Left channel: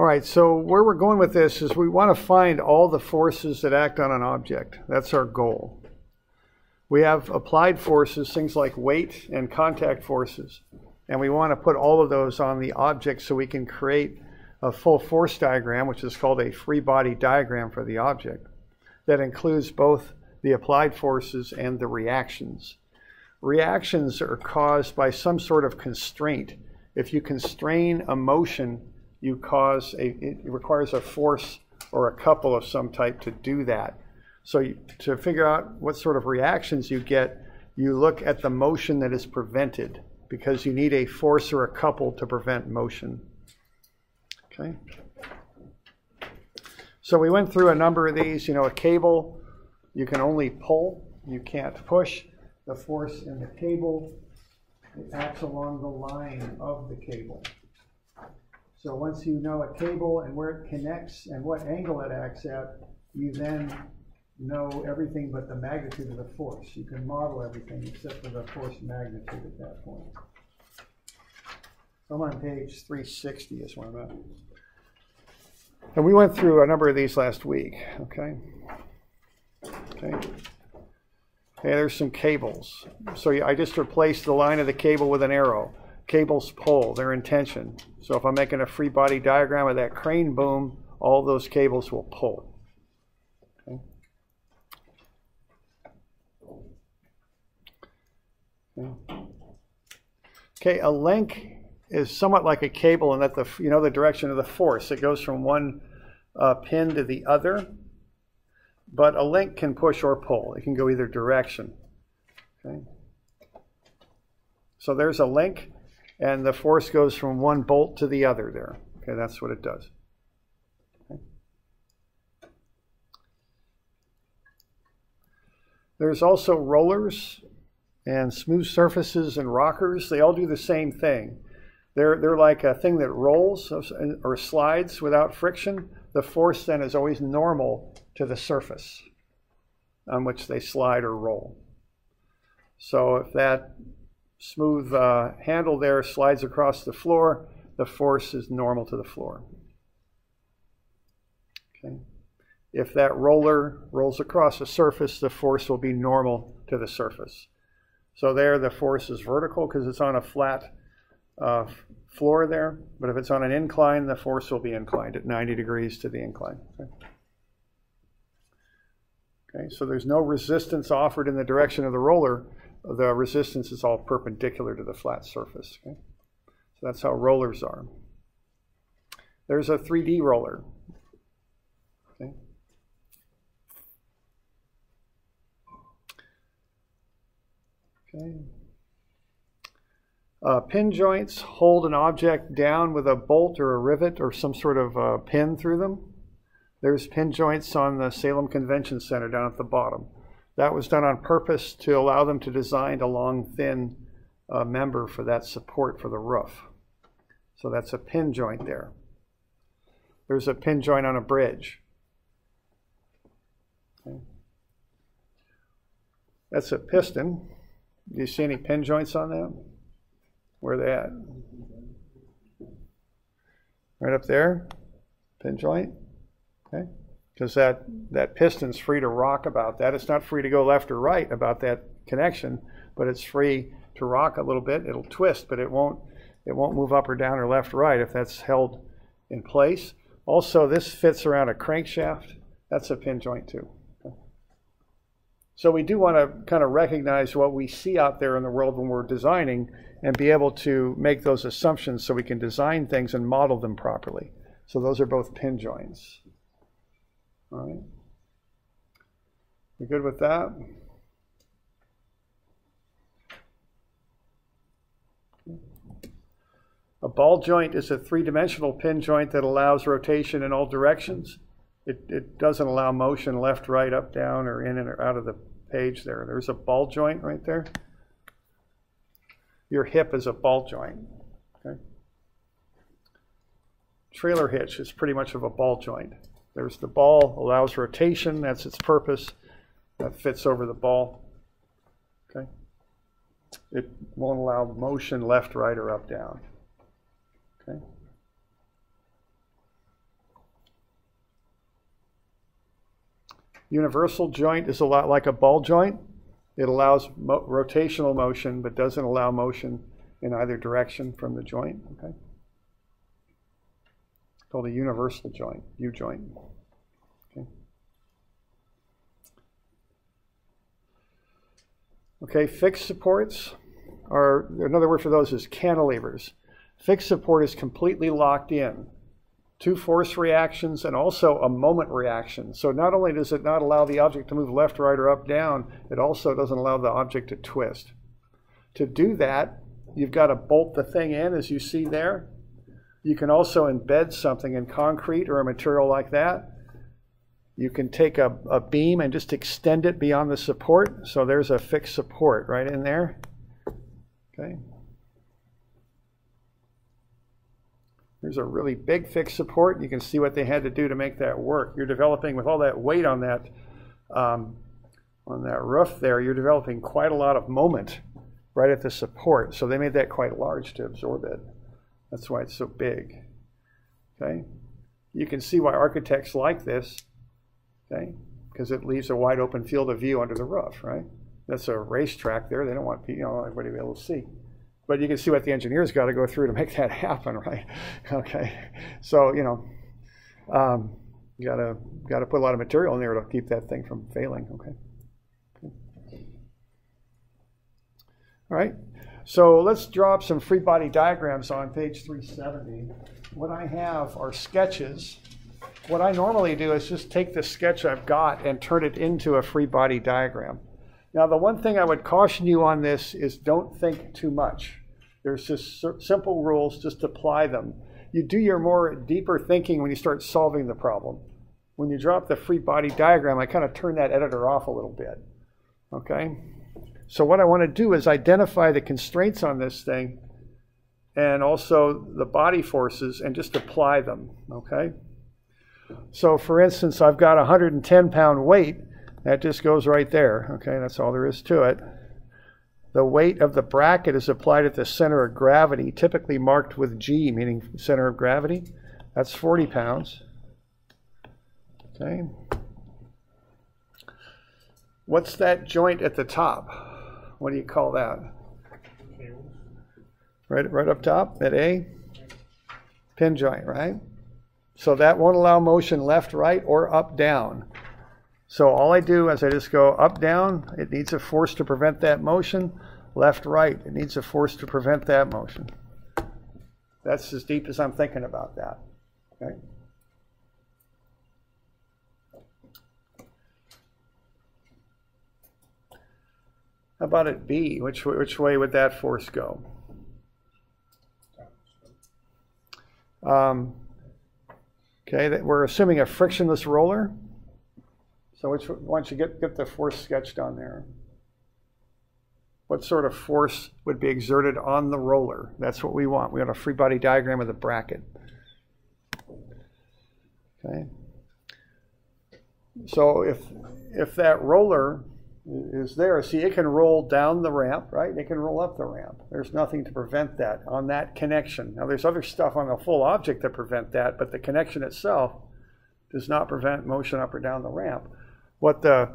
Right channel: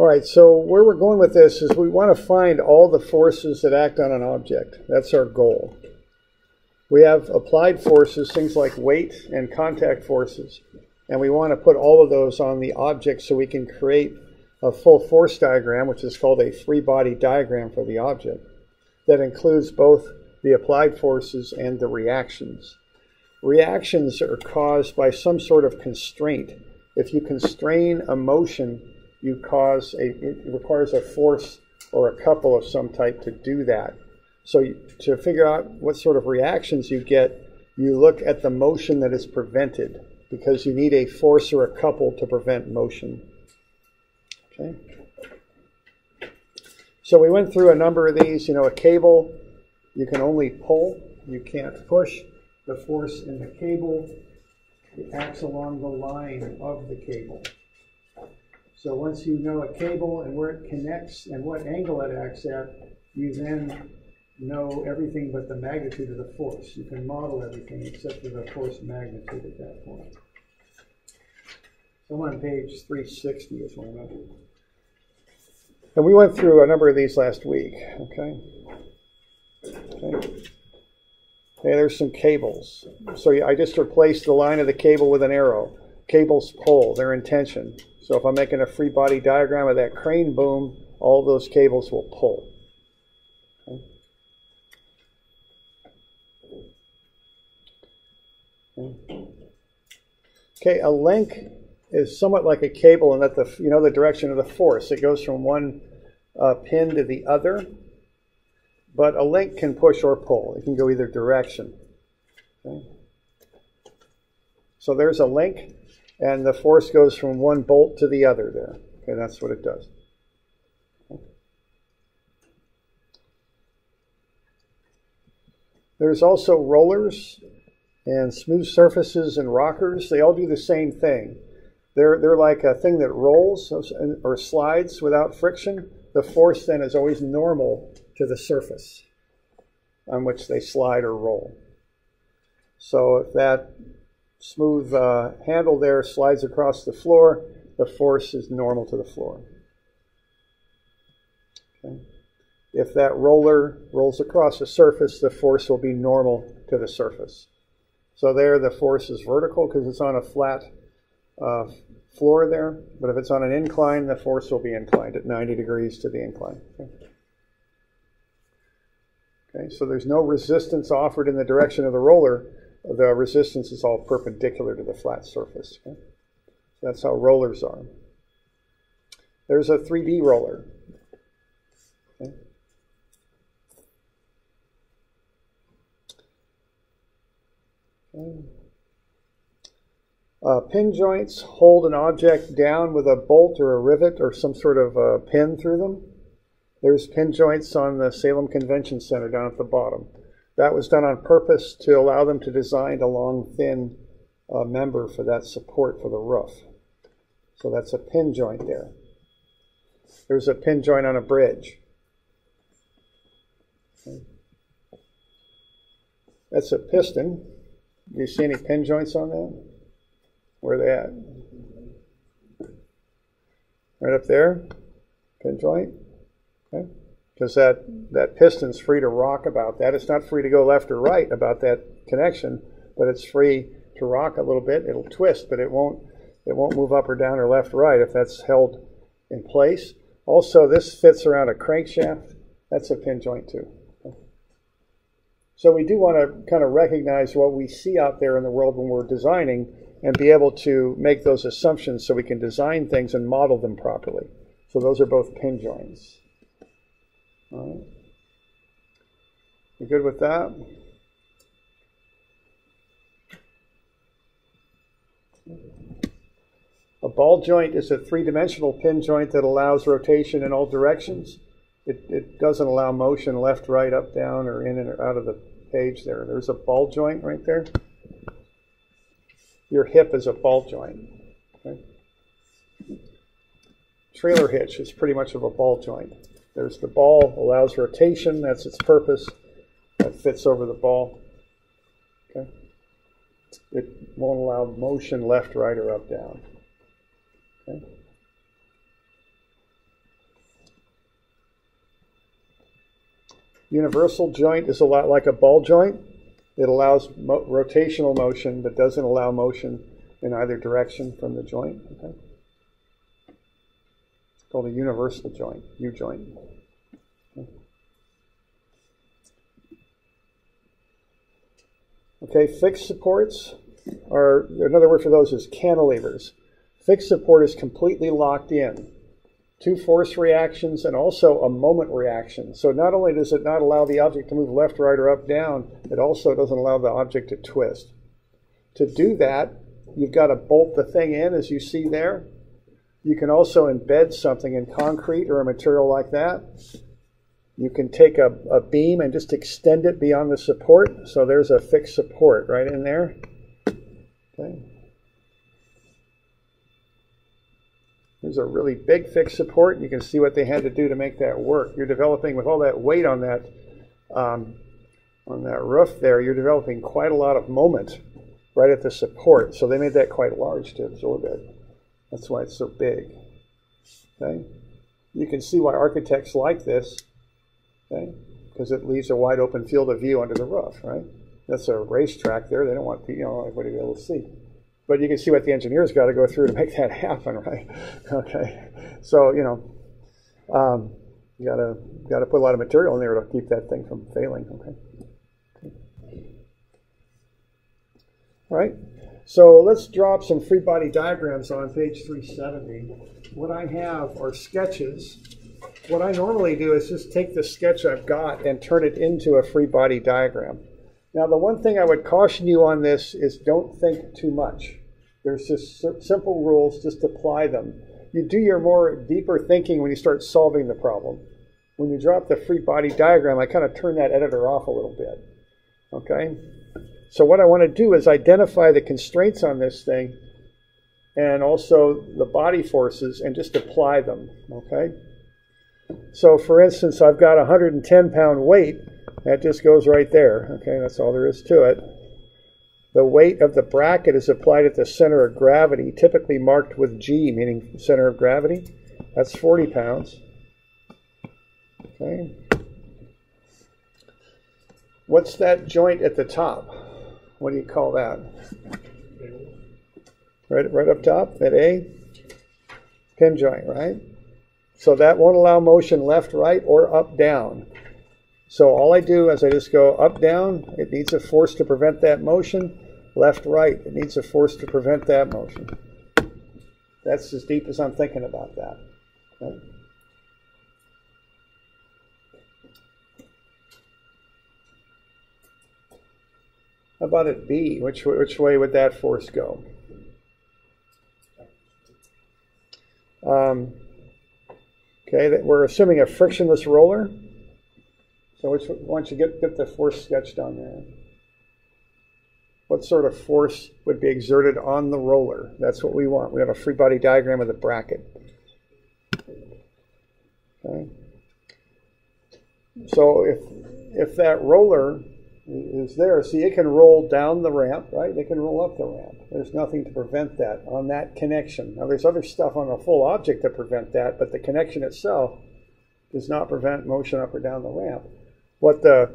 All right, so where we're going with this is we want to find all the forces that act on an object. That's our goal. We have applied forces, things like weight and contact forces, and we want to put all of those on the object so we can create a full force diagram, which is called a free body diagram for the object, that includes both the applied forces and the reactions. Reactions are caused by some sort of constraint. If you constrain a motion, it requires a force or a couple of some type to do that. So to figure out what sort of reactions you get, you look at the motion that is prevented, because you need a force or a couple to prevent motion. Okay. So we went through a number of these. You know, a cable, you can only pull, you can't push. The force in the cable, it acts along the line of the cable. So once you know a cable and where it connects and what angle it acts at, you then know everything but the magnitude of the force. You can model everything except for the force magnitude at that point. So I'm on page 360 is where I'm at. And we went through a number of these last week, okay? Okay, there's some cables. So I just replaced the line of the cable with an arrow. Cables pull, they're in tension. So if I'm making a free body diagram of that crane boom, all those cables will pull. Okay, a link is somewhat like a cable in that the direction of the force. It goes from one pin to the other, but a link can push or pull. It can go either direction. Okay. So there's a link, and the force goes from one bolt to the other there. Okay, that's what it does. Okay. There's also rollers and smooth surfaces and rockers. They all do the same thing. They're like a thing that rolls or slides without friction. The force then is always normal to the surface on which they slide or roll. So if that smooth handle there slides across the floor, the force is normal to the floor. Okay. If that roller rolls across the surface, the force will be normal to the surface. So there the force is vertical because it's on a flat floor there, but if it's on an incline, the force will be inclined at 90 degrees to the incline. Okay. Okay, so there's no resistance offered in the direction of the roller. The resistance is all perpendicular to the flat surface. Okay? So that's how rollers are. There's a 3D roller. Okay. Okay. Pin joints hold an object down with a bolt or a rivet or some sort of pin through them. There's pin joints on the Salem Convention Center down at the bottom. That was done on purpose to allow them to design a long, thin member for that support for the roof. So that's a pin joint there. There's a pin joint on a bridge. Okay. That's a piston. Do you see any pin joints on that? Where are they at? Right up there, pin joint. Okay, because that piston's free to rock about that. It's not free to go left or right about that connection, but it's free to rock a little bit. It'll twist, but it won't move up or down or left or right if that's held in place. Also, this fits around a crankshaft. That's a pin joint too. Okay. So we do want to kind of recognize what we see out there in the world when we're designing and be able to make those assumptions so we can design things and model them properly. So those are both pin joints. All right. You good with that? A ball joint is a three-dimensional pin joint that allows rotation in all directions. It doesn't allow motion left, right, up, down, or in and or out of the page there. There's a ball joint right there. Your hip is a ball joint. Okay. Trailer hitch is pretty much of a ball joint. There's the ball, allows rotation, that's its purpose. That fits over the ball. Okay. It won't allow motion left, right, or up, down. Okay. Universal joint is a lot like a ball joint. It allows rotational motion, but doesn't allow motion in either direction from the joint. Okay? It's called a universal joint, U-joint. Okay, fixed supports, or another word for those is cantilevers. Fixed support is completely locked in. 2 force reactions and also a moment reaction. So not only does it not allow the object to move left, right, or up, down, it also doesn't allow the object to twist. To do that, you've got to bolt the thing in, as you see there. You can also embed something in concrete or a material like that. You can take a beam and just extend it beyond the support. So there's a fixed support right in there. Okay. There's a really big fixed support. You can see what they had to do to make that work. You're developing, with all that weight on that roof there, you're developing quite a lot of moment right at the support. So they made that quite large to absorb it. That's why it's so big. Okay. You can see why architects like this. Okay, because it leaves a wide open field of view under the roof, right? That's a racetrack there. They don't want everybody to be able to see. But you can see what the engineers got to go through to make that happen, right? Okay, so you gotta put a lot of material in there to keep that thing from failing. Okay. All right. So let's drop some Freebody diagrams on page 370. What I have are sketches. What I normally do is just take the sketch I've got and turn it into a Freebody diagram. Now, the one thing I would caution you on this is don't think too much. There's just simple rules, just apply them. You do your more deeper thinking when you start solving the problem. When you drop the Freebody diagram, I kind of turn that editor off a little bit. Okay? So what I want to do is identify the constraints on this thing and also the body forces and just apply them. Okay? So for instance, I've got a 110-pound weight. That just goes right there. Okay, that's all there is to it. The weight of the bracket is applied at the center of gravity, typically marked with G, meaning center of gravity. That's 40 pounds. Okay. What's that joint at the top? What do you call that? Right up top at A? Pin joint, right? So that won't allow motion left, right, or up, down. So all I do is I just go up, down. It needs a force to prevent that motion. Left, right. It needs a force to prevent that motion. That's as deep as I'm thinking about that. Okay. How about at B? Which way would that force go? Okay, we're assuming a frictionless roller. So why don't you get the force sketched on there? What sort of force would be exerted on the roller? That's what we want. We want a free body diagram of the bracket. Okay. So if that roller is there, see, it can roll down the ramp, right? It can roll up the ramp. There's nothing to prevent that on that connection. Now, there's other stuff on the full object that prevent that, but the connection itself does not prevent motion up or down the ramp. What the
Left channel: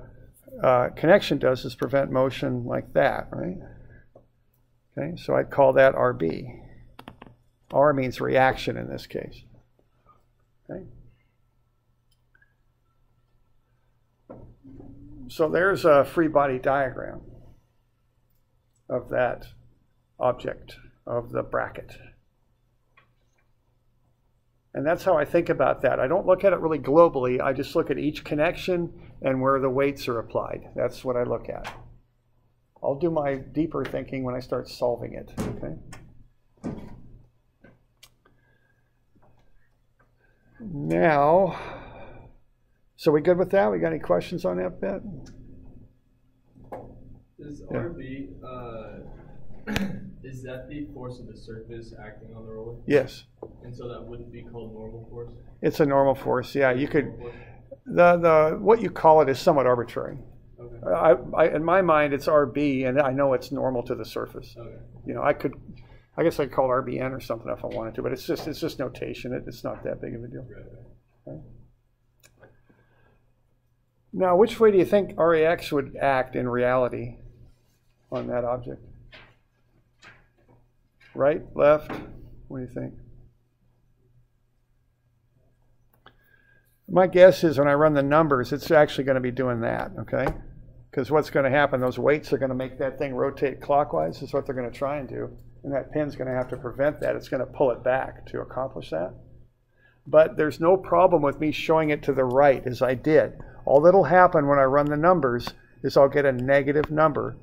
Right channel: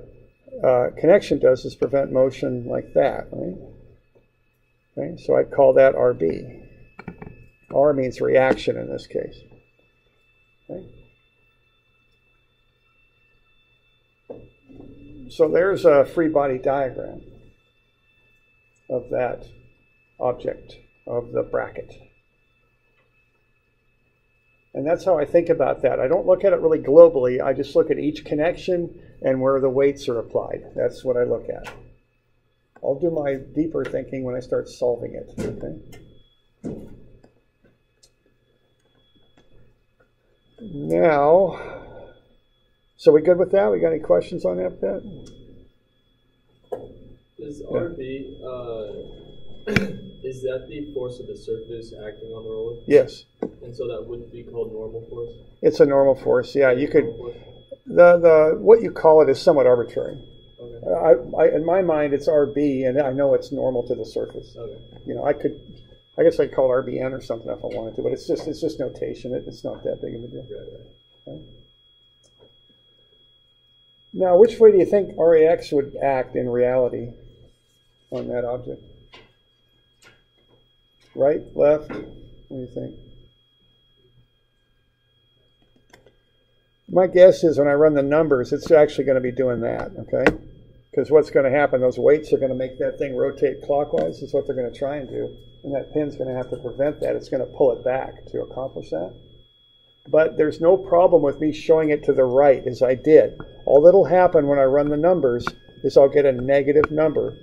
connection does is prevent motion like that, right? Okay, so I'd call that RB. R means reaction in this case. Okay. So there's a free body diagram of that object, of the bracket. And that's how I think about that. I don't look at it really globally. I just look at each connection and where the weights are applied. That's what I look at. I'll do my deeper thinking when I start solving it. Okay? Now, so we good with that? We got any questions on that bit? Is RB, is that the force of the surface acting on the roller? Yes. And so that wouldn't be called normal force? It's a normal force, yeah. You could, what you call it is somewhat arbitrary. Okay. In my mind, it's RB, and I know it's normal to the surface. Okay. You know, I guess I'd call it RBN or something if I wanted to, but it's just notation. It's not that big of a deal. Right. Okay. Now, which way do you think RAX would act in reality on that object? Right, left? What do you think? My guess is when I run the numbers, it's actually going to be doing that, okay? Because what's going to happen, those weights are going to make that thing rotate clockwise, is what they're going to try and do. And that pin's going to have to prevent that. It's going to pull it back to accomplish that. But there's no problem with me showing it to the right as I did. All that'll happen when I run the numbers is I'll get a negative number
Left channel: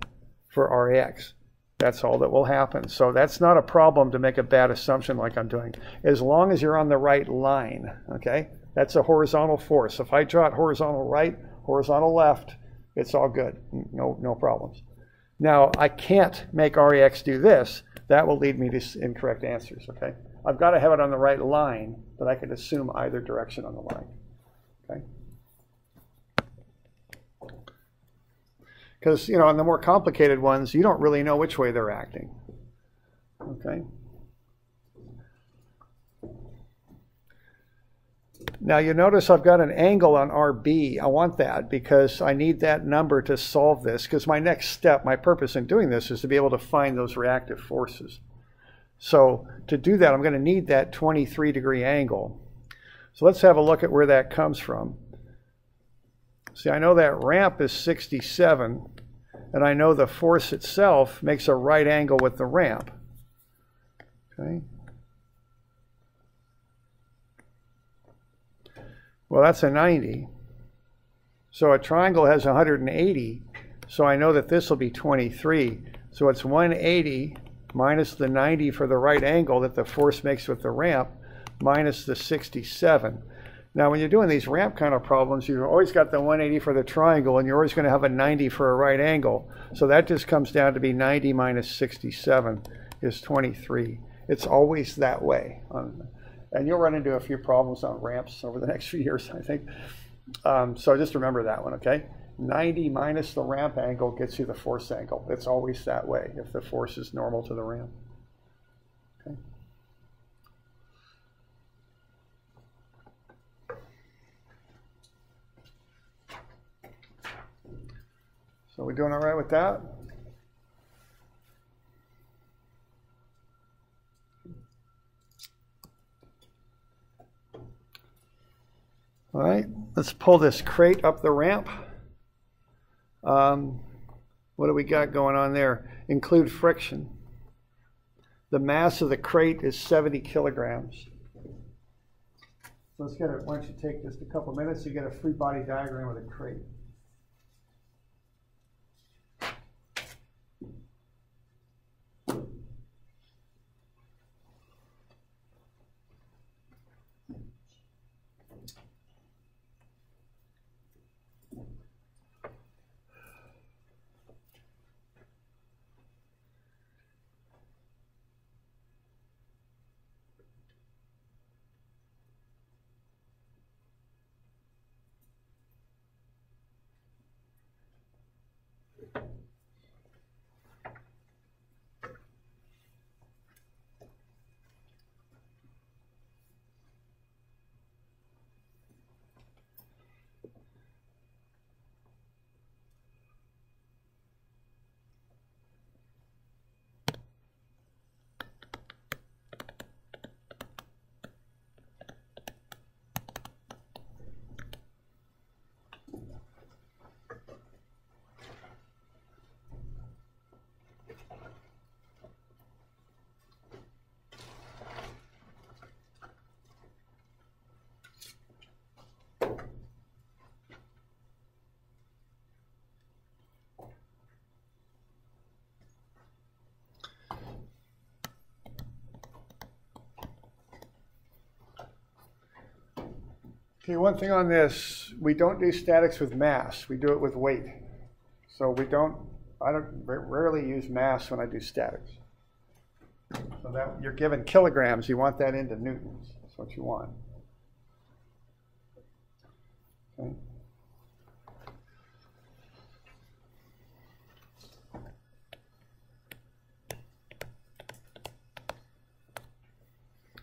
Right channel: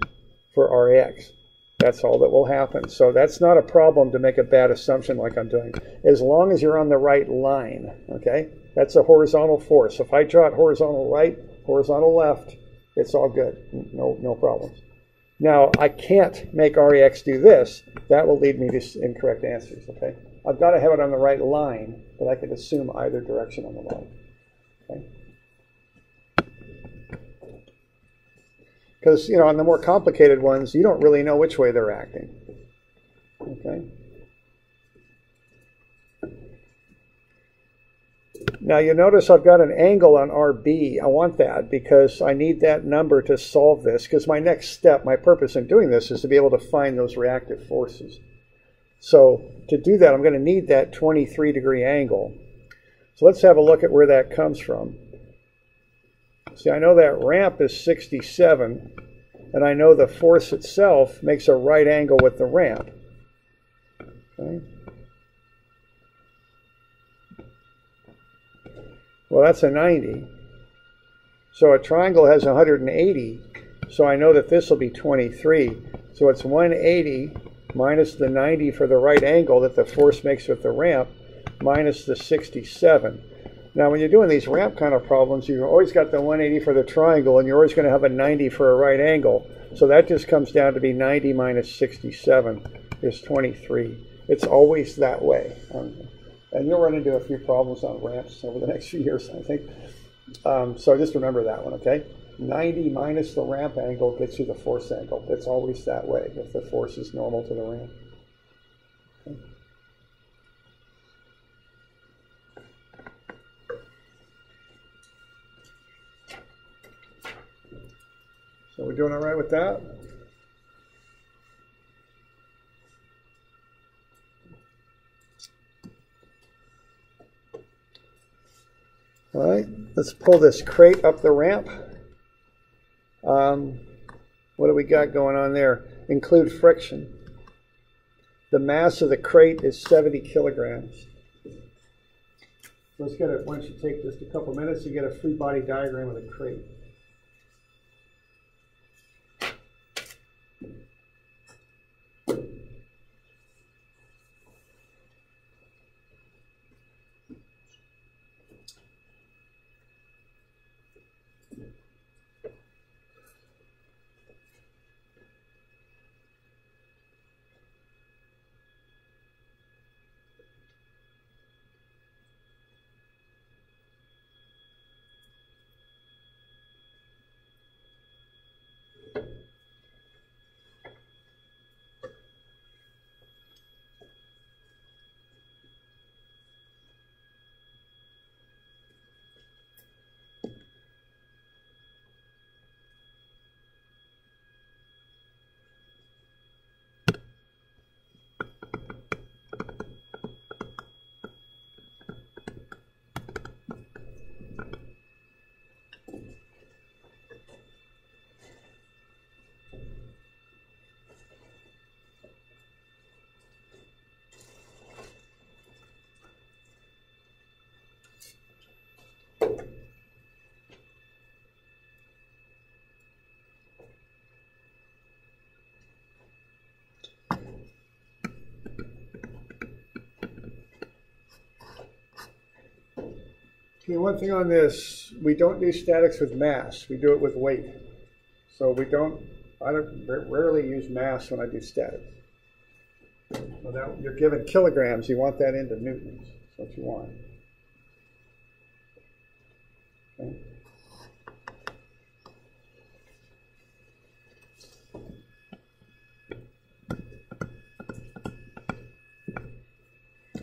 for RAX. That's all that will happen. So that's not a problem to make a bad assumption like I'm doing, as long as you're on the right line, okay? That's a horizontal force. If I draw it horizontal right, horizontal left, it's all good. No problems. Now, I can't make RAX do this. That will lead me to incorrect answers, okay? I've got to have it on the right line, but I can assume either direction on the line, okay? Because, you know, on the more complicated ones, you don't really know which way they're acting, okay? Now, you notice I've got an angle on RB. I want that because I need that number to solve this, because my next step, my purpose in doing this is to be able to find those reactive forces. So to do that, I'm going to need that 23-degree angle. So let's have a look at where that comes from. See, I know that ramp is 67, and I know the force itself makes a right angle with the ramp. Okay. Well, that's a 90. So a triangle has 180, so I know that this will be 23. So it's 180 minus the 90 for the right angle that the force makes with the ramp, minus the 67. Now, when you're doing these ramp kind of problems, you've always got the 180 for the triangle, and you're always going to have a 90 for a right angle. So that just comes down to be 90 minus 67 is 23. It's always that way. And you'll run into a few problems on ramps over the next few years, I think. So just remember that one, okay? 90 minus the ramp angle gets you the force angle. It's always that way if the force is normal to the ramp. Okay. So we're doing all right with that? All right, let's pull this crate up the ramp. What do we got going on there? Include friction. The mass of the crate is 70 kilograms. Let's get it. Why don't you take just a couple minutes to get a free body diagram of the crate. Okay, one thing on this, we don't do statics with mass, we do it with weight. So I rarely use mass when I do statics. So that you're given kilograms, you want that into newtons. That's what you want. Okay.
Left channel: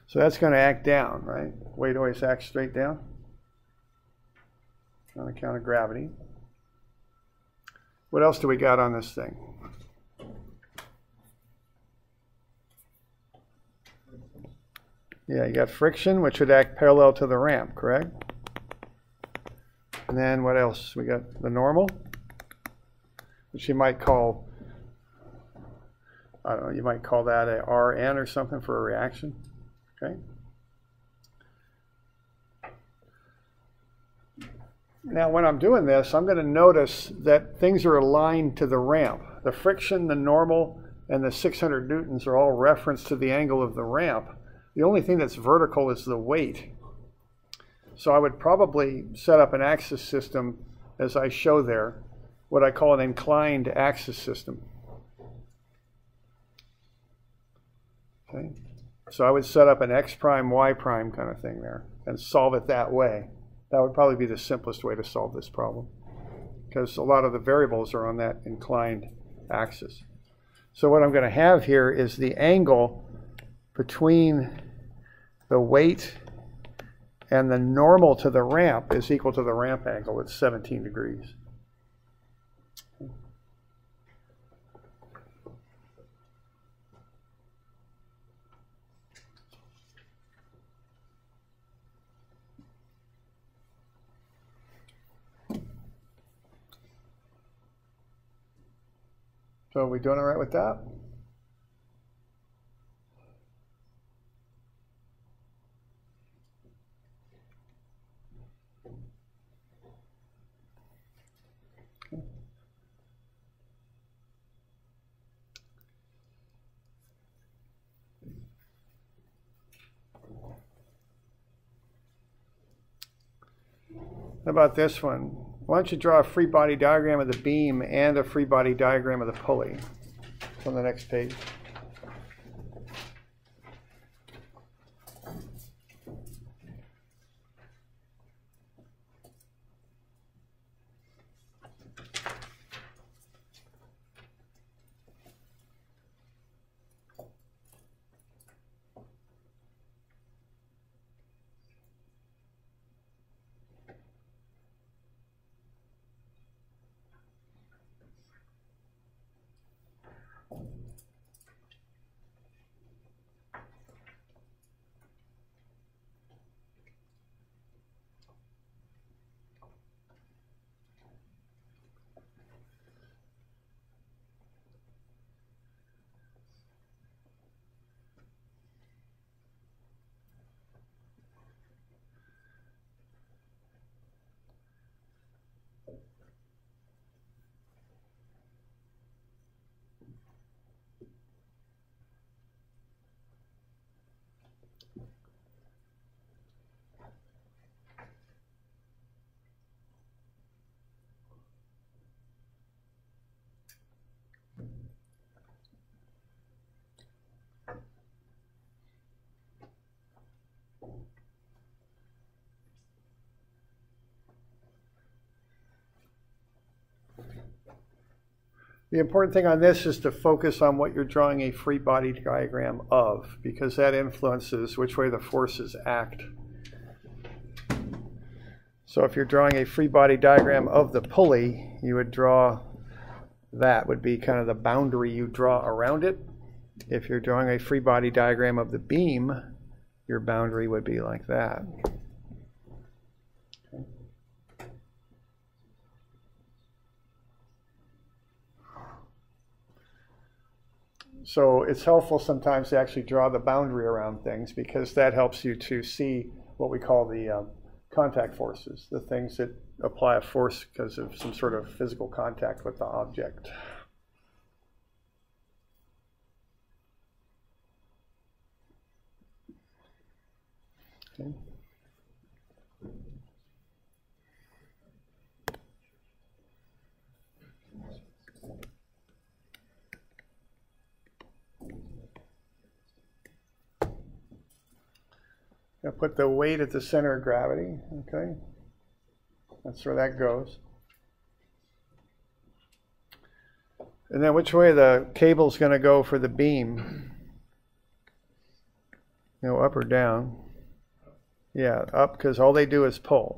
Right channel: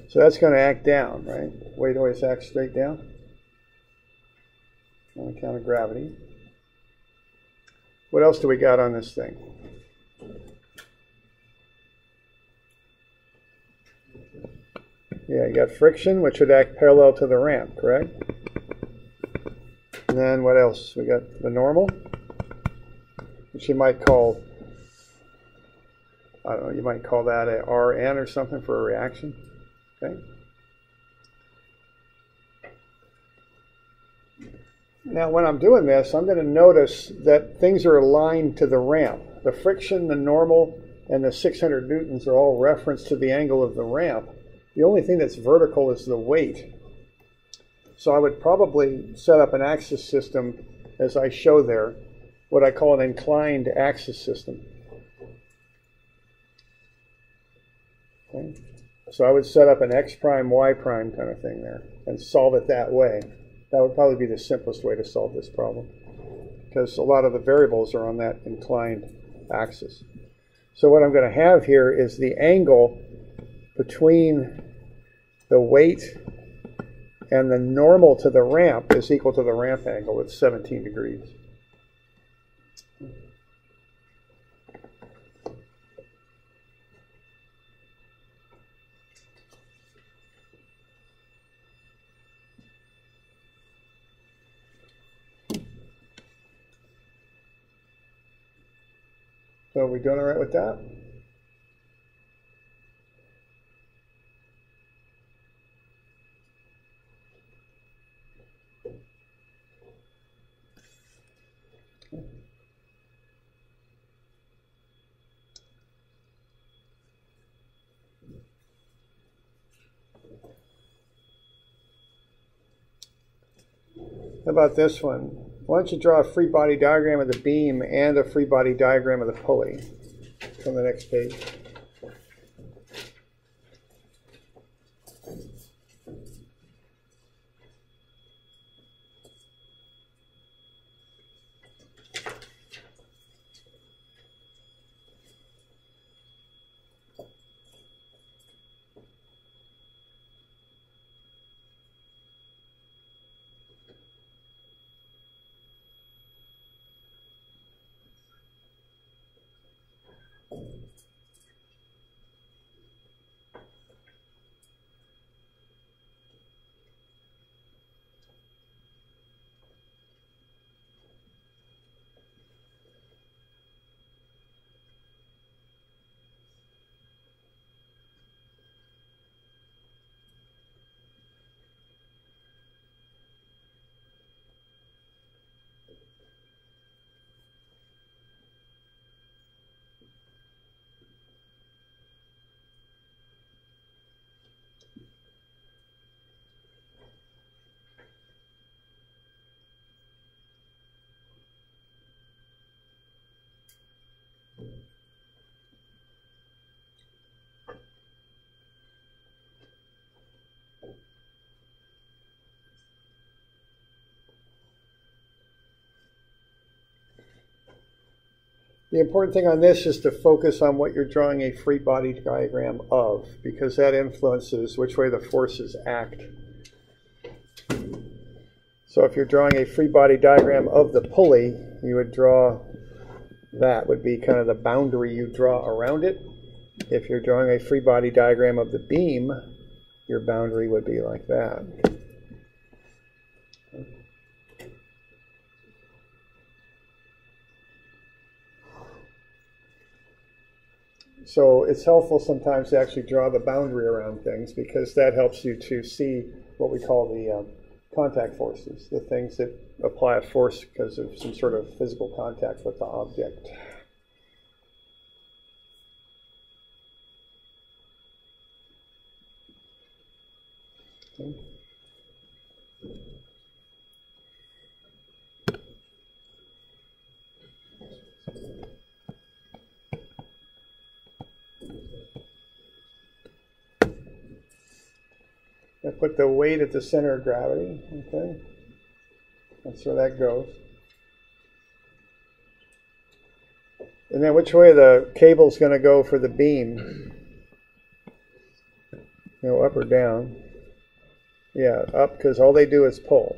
So that's going to act down, right? Weight always acts straight down. on account of gravity. What else do we got on this thing? Yeah, you got friction, which would act parallel to the ramp, correct? And then what else? We got the normal, which you might call, I don't know, you might call that a Rn or something for a reaction. Okay. Now, when I'm doing this, I'm going to notice that things are aligned to the ramp. The friction, the normal, and the 600 newtons are all referenced to the angle of the ramp. The only thing that's vertical is the weight. So I would probably set up an axis system, as I show there, what I call an inclined axis system. Okay. So I would set up an x prime, y prime kind of thing there and solve it that way. That would probably be the simplest way to solve this problem, because a lot of the variables are on that inclined axis. So what I'm going to have here is the angle between the weight and the normal to the ramp is equal to the ramp angle at 17 degrees. So are we doing all right with that? How about this one? Why don't you draw a free body diagram of the beam and a free body diagram of the pulley? It's on the next page. The important thing on this is to focus on what you're drawing a free body diagram of, because that influences which way the forces act. So if you're drawing a free body diagram of the pulley, you would draw, that would be kind of the boundary you draw around it. If you're drawing a free body diagram of the beam, your boundary would be like that. So it's helpful sometimes to actually draw the boundary around things, because that helps you to see what we call the contact forces, the things that apply a force because of some sort of physical contact with the object. Okay. I'll put the weight at the center of gravity, okay? That's where that goes. And then which way the cable's going to go for the beam? You know, up or down? Yeah, up, because all they do is pull.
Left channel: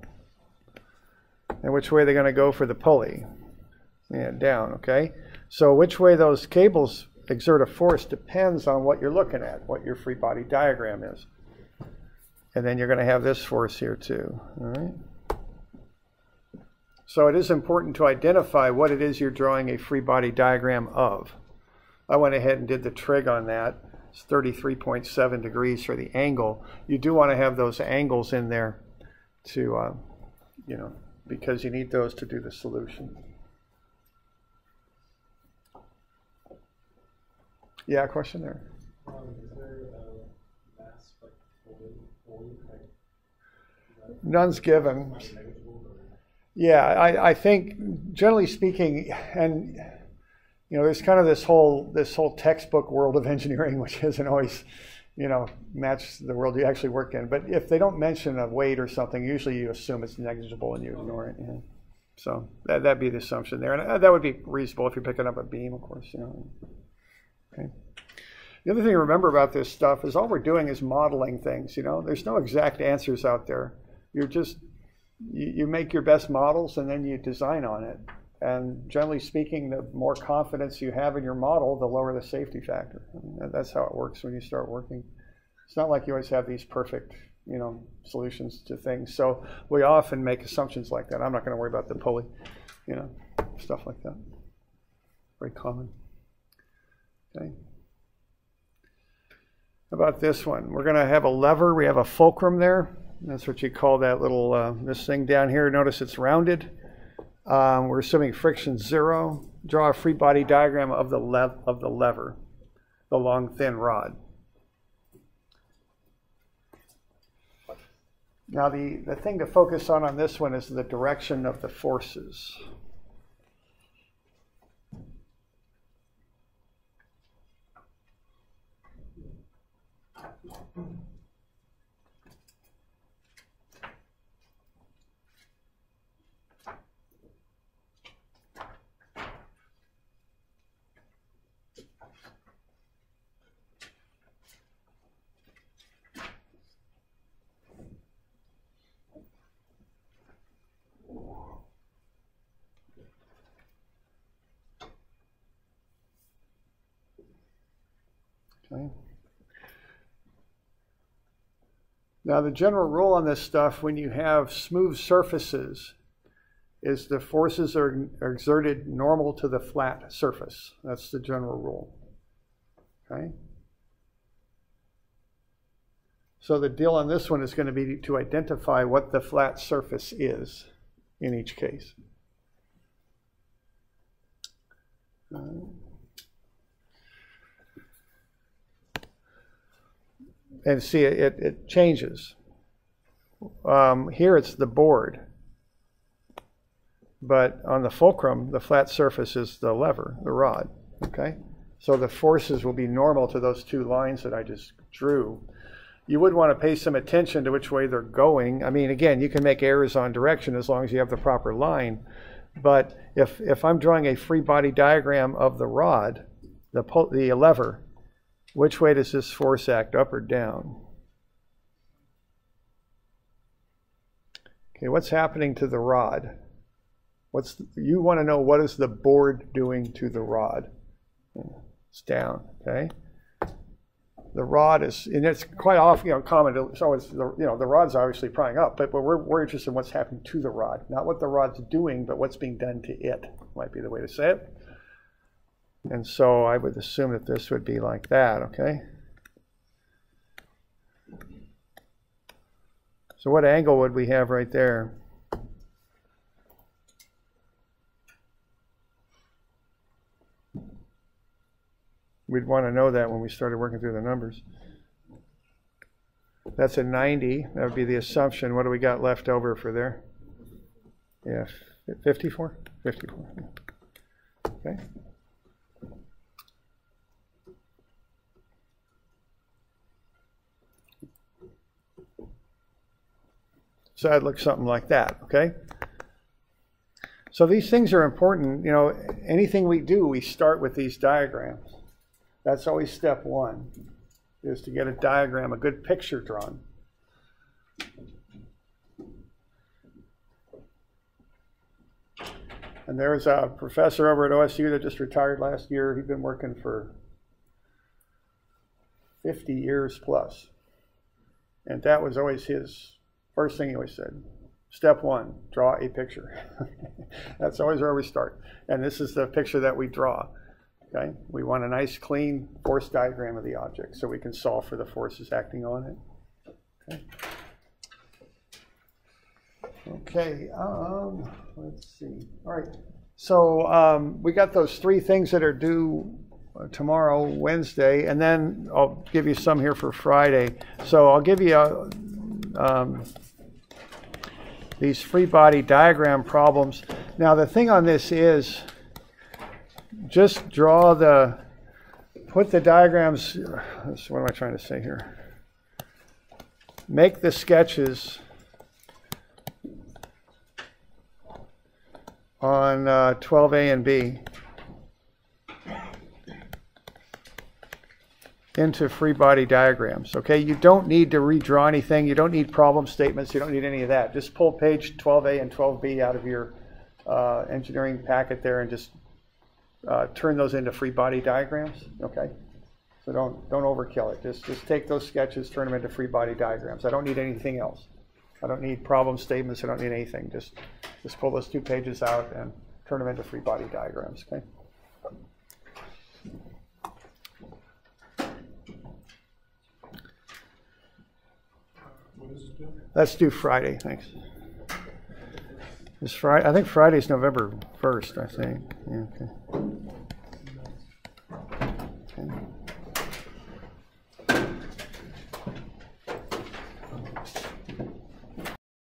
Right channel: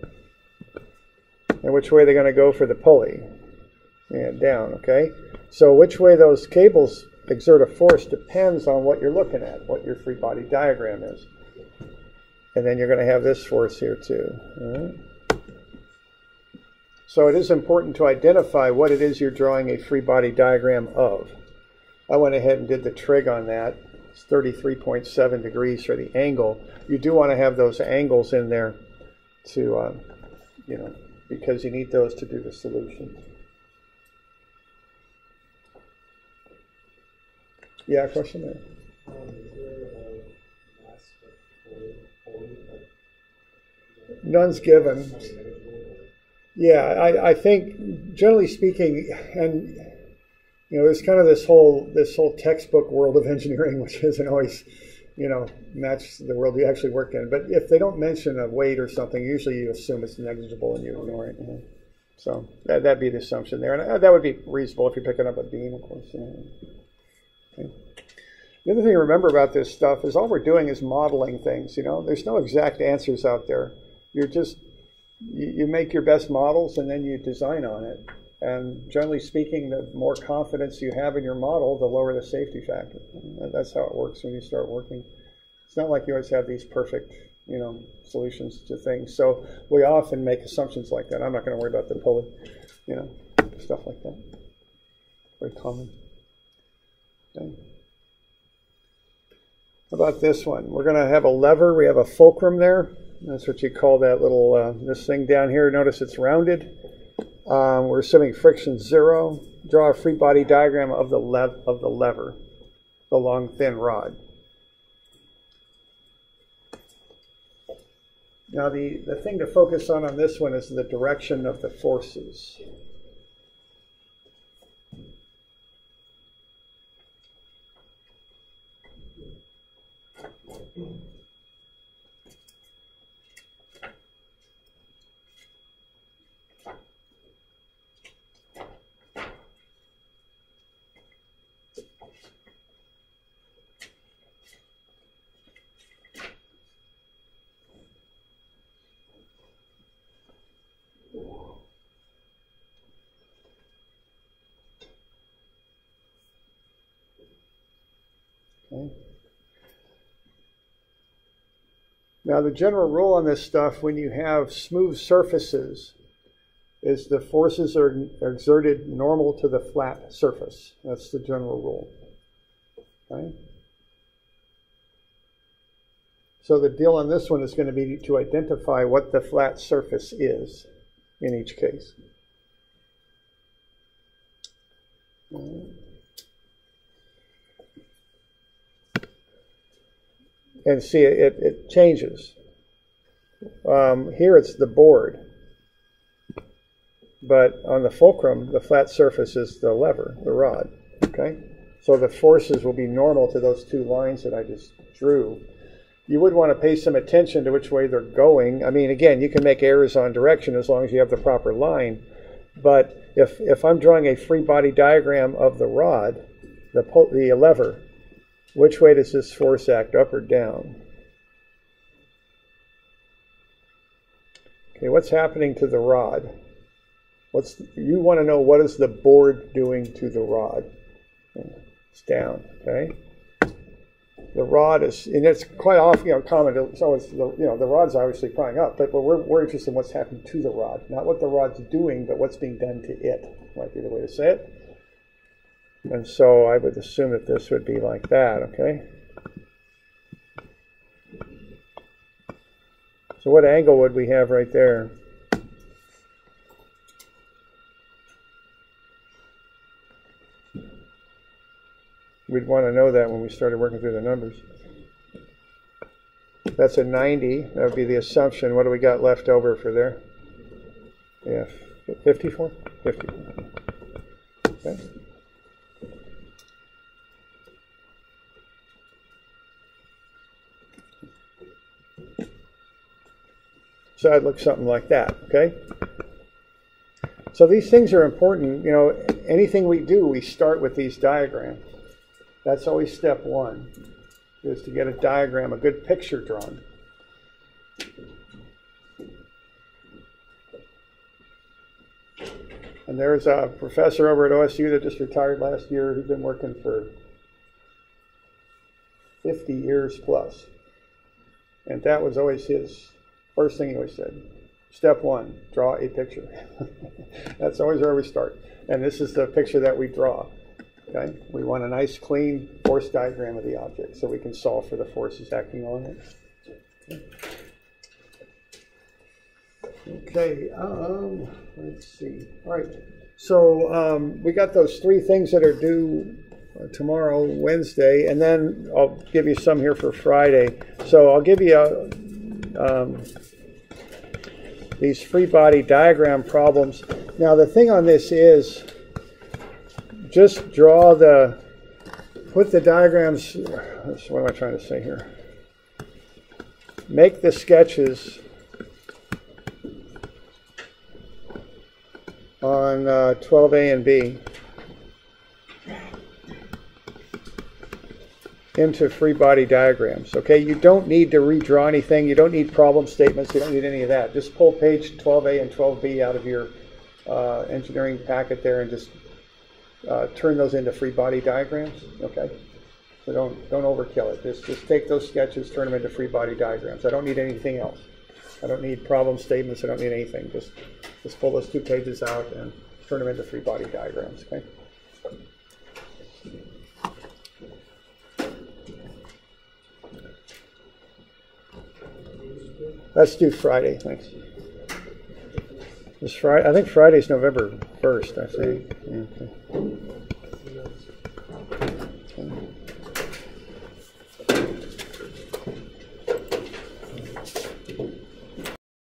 and which way they're going to go for the pulley. And down, okay? So which way those cables exert a force depends on what you're looking at, what your free body diagram is. And then you're going to have this force here too. All right? So it is important to identify what it is you're drawing a free body diagram of. I went ahead and did the trig on that. It's 33.7 degrees for the angle. You do want to have those angles in there to, you know, because you need those to do the solution. Yeah, question there. Is there a mass pulley? None's given. Yeah, I think generally speaking, and you know, there's kind of this whole textbook world of engineering, which isn't always, you know, match the world you actually work in. But if they don't mention a weight or something, usually you assume it's negligible and you ignore it. You know? So that'd be the assumption there, and that would be reasonable if you're picking up a beam, of course. You know. Okay. The other thing to remember about this stuff is all we're doing is modeling things. You know, there's no exact answers out there. You're just you make your best models and then you design on it. And generally speaking, the more confidence you have in your model, the lower the safety factor. And that's how it works when you start working. It's not like you always have these perfect, you know, solutions to things. So we often make assumptions like that. I'm not going to worry about the pulley, you know, stuff like that. Very common. Okay. How about this one? We're going to have a lever. We have a fulcrum there. That's what you call that little, this thing down here. Notice it's rounded. We're assuming friction 0. Draw a free body diagram of the lever, the long thin rod. Now the thing to focus on this one is the direction of the forces. Okay. Now the general rule on this stuff, when you have smooth surfaces, is the forces are exerted normal to the flat surface. That's the general rule. Okay. So the deal on this one is going to be to identify what the flat surface is in each case. And see, it changes. Here it's the board, but on the fulcrum, the flat surface is the lever, the rod. Okay, so the forces will be normal to those two lines that I just drew. You would want to pay some attention to which way they're going. I mean, again, you can make errors on direction as long as you have the proper line. But if I'm drawing a free body diagram of the rod, the lever, which way does this force act, up or down? Okay, what's happening to the rod? You want to know, what is the board doing to the rod? It's down, okay? The rod is, and it's quite often, you know, common, it's always, the rod's obviously prying up, but we're interested in what's happening to the rod. Not what the rod's doing, but what's being done to it, might be the way to say it. And so I would assume that this would be like that, okay? So what angle would we have right there? We'd want to know that when we started working through the numbers. That's a 90. That would be the assumption. What do we got left over for there? Yeah, 54? 54. Okay. So that looks something like that, okay? So these things are important. You know, anything we do, we start with these diagrams. That's always step one, is to get a diagram, a good picture drawn. And there's a professor over at OSU that just retired last year. He'd been working for 50 years plus. And that was always his first thing he always said. Step one, draw a picture. That's always where we start. And this is the picture that we draw. Okay? We want a nice, clean force diagram of the object so we can solve for the forces acting on it. Okay, let's see. All right, so we got those three things that are due tomorrow, Wednesday, and then I'll give you some here for Friday. So I'll give you these free body diagram problems. Now the thing on this is just put the diagrams, what am I trying to say here? Make the sketches on 12A and B into free body diagrams. Okay, you don't need to redraw anything. You don't need problem statements. You don't need any of that. Just pull page 12A and 12B out of your engineering packet there and just turn those into free body diagrams. Okay, so don't overkill it. Just take those sketches, turn them into free body diagrams. I don't need anything else. I don't need problem statements. I don't need anything. Just pull those 2 pages out and turn them into free body diagrams. Okay. Let's do Friday. Thanks. This Friday, I think Friday's November 1st. I think. Yeah, okay.